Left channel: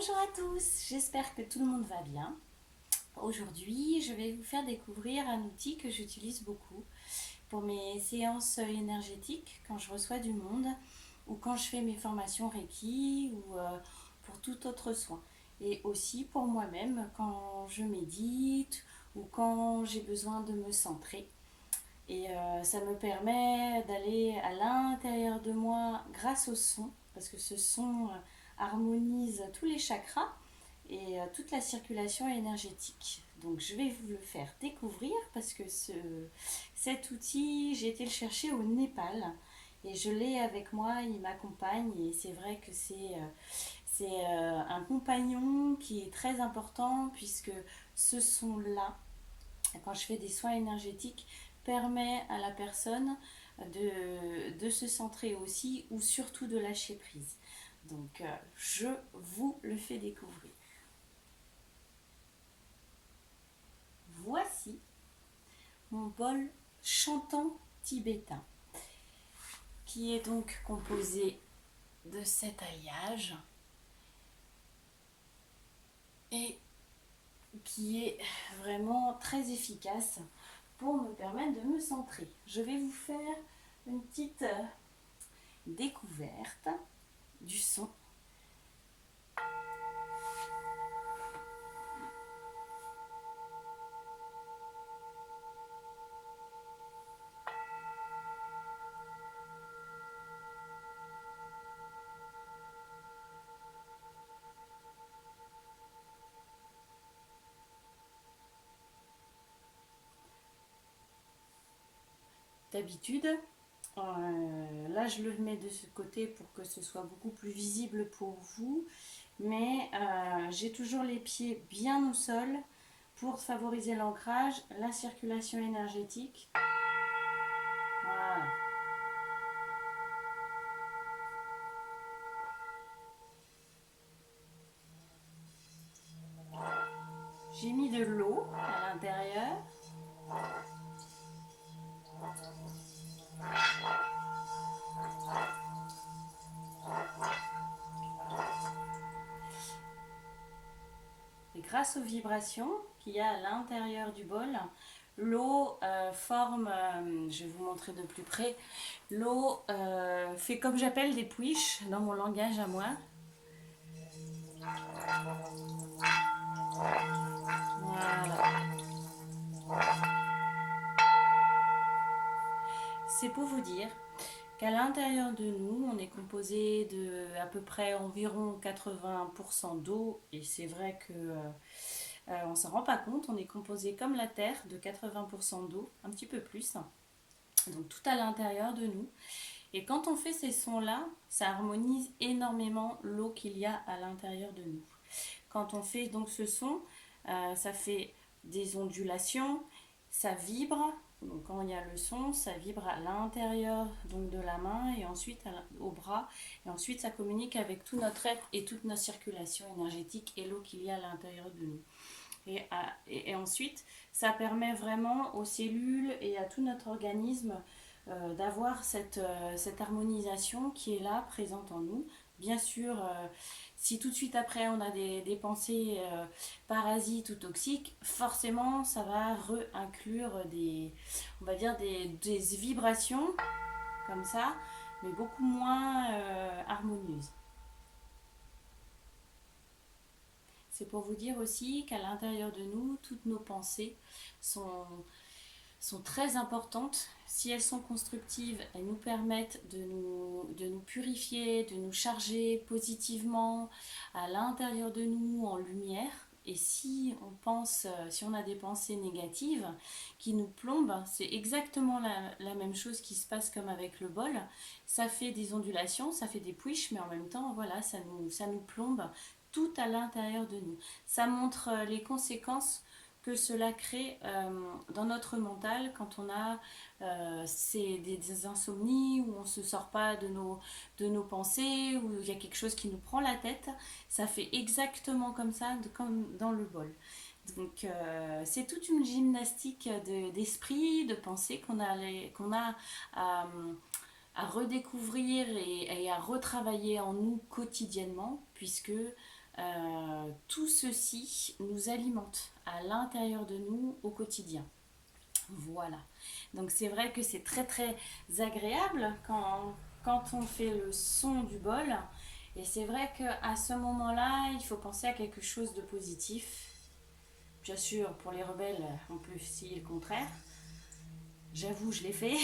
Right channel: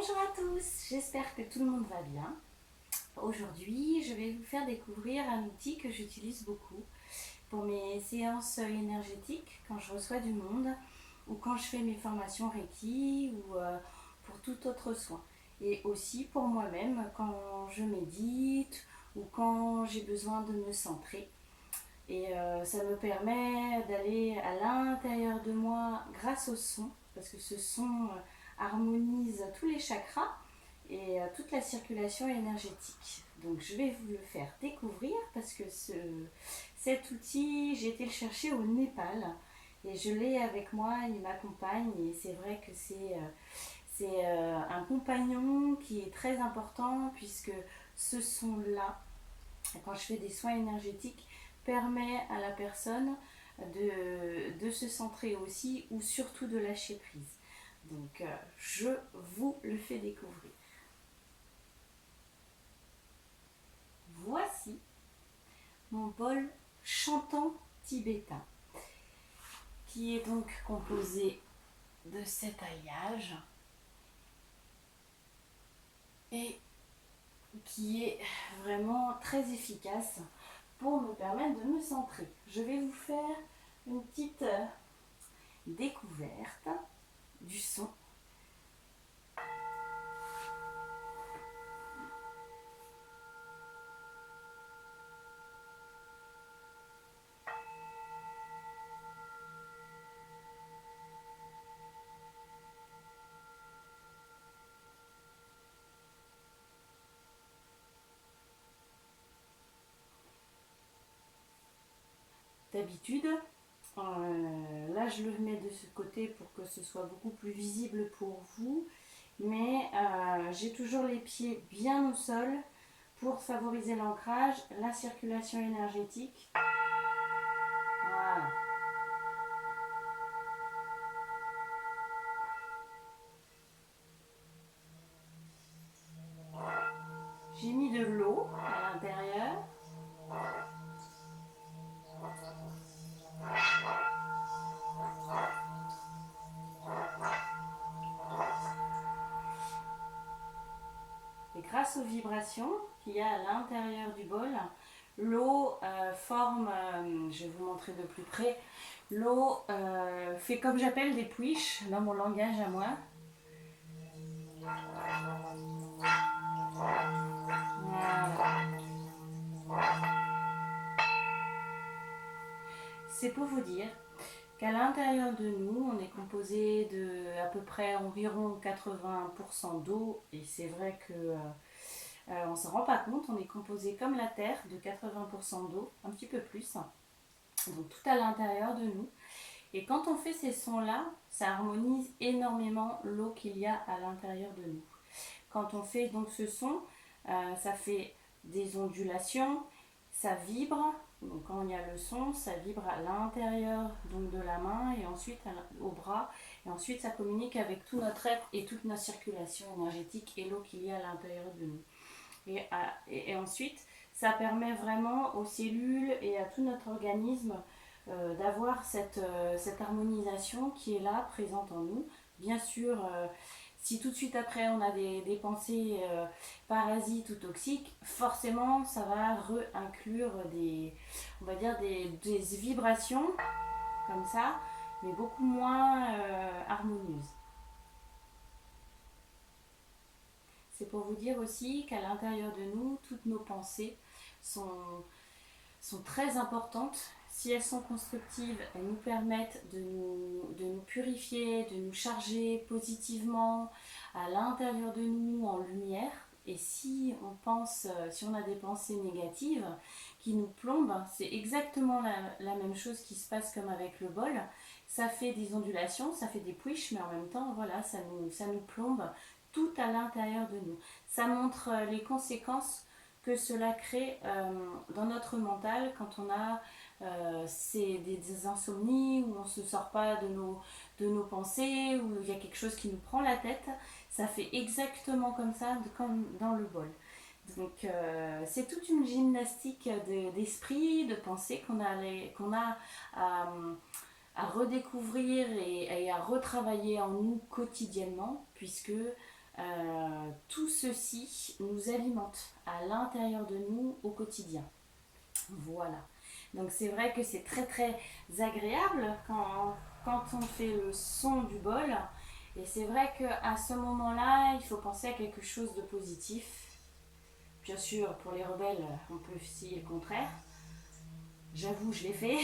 Bonjour à tous, j'espère que tout le monde va bien. Aujourd'hui, je vais vous faire découvrir un outil que j'utilise beaucoup pour mes séances énergétiques quand je reçois du monde ou quand je fais mes formations Reiki ou pour tout autre soin. Et aussi pour moi-même quand je médite ou quand j'ai besoin de me centrer. Et ça me permet d'aller à l'intérieur de moi grâce au son, parce que ce son harmonise tous les chakras et toute la circulation énergétique. Donc je vais vous le faire découvrir parce que cet outil, j'ai été le chercher au Népal et je l'ai avec moi, il m'accompagne et c'est vrai que c'est un compagnon qui est très important puisque ce son-là, quand je fais des soins énergétiques, permet à la personne de se centrer aussi ou surtout de lâcher prise. Donc je vous le fais découvrir. Voici mon bol chantant tibétain qui est donc composé de cet alliage et qui est vraiment très efficace pour me permettre de me centrer. Je vais vous faire une petite découverte du son. D'habitude, là je le mets de ce côté pour que ce soit beaucoup plus visible pour vous, mais j'ai toujours les pieds bien au sol pour favoriser l'ancrage, la circulation énergétique. Voilà. J'ai mis de l'eau à l'intérieur. Et grâce aux vibrations qu'il y a à l'intérieur du bol, l'eau forme, je vais vous montrer de plus près, l'eau fait comme j'appelle des puiches dans mon langage à moi. Voilà. C'est pour vous dire qu'à l'intérieur de nous, on est composé de à peu près environ 80% d'eau, et c'est vrai que on ne s'en rend pas compte, on est composé comme la Terre de 80% d'eau, un petit peu plus, donc tout à l'intérieur de nous. Et quand on fait ces sons-là, ça harmonise énormément l'eau qu'il y a à l'intérieur de nous. Quand on fait donc ce son, ça fait des ondulations, ça vibre. Donc quand il y a le son, ça vibre à l'intérieur donc de la main et ensuite au bras. Et ensuite, ça communique avec tout notre être et toute notre circulation énergétique et l'eau qu'il y a à l'intérieur de nous. Et ensuite, ça permet vraiment aux cellules et à tout notre organisme d'avoir cette harmonisation qui est là, présente en nous. Bien sûr, si tout de suite après on a des pensées parasites ou toxiques, forcément ça va inclure on va dire des vibrations comme ça, mais beaucoup moins harmonieuses. C'est pour vous dire aussi qu'à l'intérieur de nous, toutes nos pensées sont très importantes. Si elles sont constructives, elles nous permettent de nous purifier, de nous charger positivement à l'intérieur de nous en lumière. Et si on pense, si on a des pensées négatives qui nous plombent, c'est exactement la même chose qui se passe comme avec le bol. Ça fait des ondulations, ça fait des puiches, mais en même temps, voilà, ça nous plombe tout à l'intérieur de nous. Ça montre les conséquences que cela crée dans notre mental quand on a des insomnies, où on ne se sort pas de nos pensées, où il y a quelque chose qui nous prend la tête. Ça fait exactement comme ça, comme dans le bol. Donc c'est toute une gymnastique d'esprit, de pensée qu'on a à redécouvrir et à retravailler en nous quotidiennement, puisque Tout ceci nous alimente à l'intérieur de nous au quotidien. Voilà. Donc c'est vrai que c'est très très agréable quand on fait le son du bol. Et c'est vrai qu'à ce moment-là, il faut penser à quelque chose de positif. Bien sûr, pour les rebelles, on peut essayer le contraire. J'avoue, je l'ai fait.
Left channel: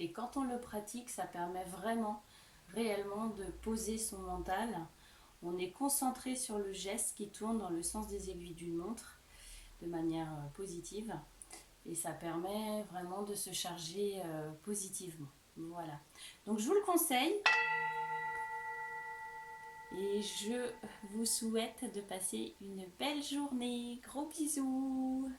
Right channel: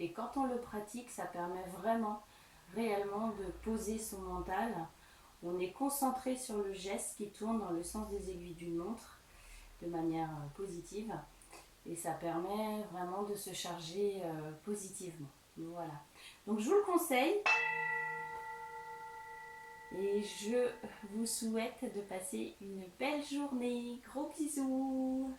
Et quand on le pratique, ça permet vraiment, réellement de poser son mental. On est concentré sur le geste qui tourne dans le sens des aiguilles d'une montre de manière positive. Et ça permet vraiment de se charger positivement. Voilà. Donc je vous le conseille et je vous souhaite de passer une belle journée. Gros bisous.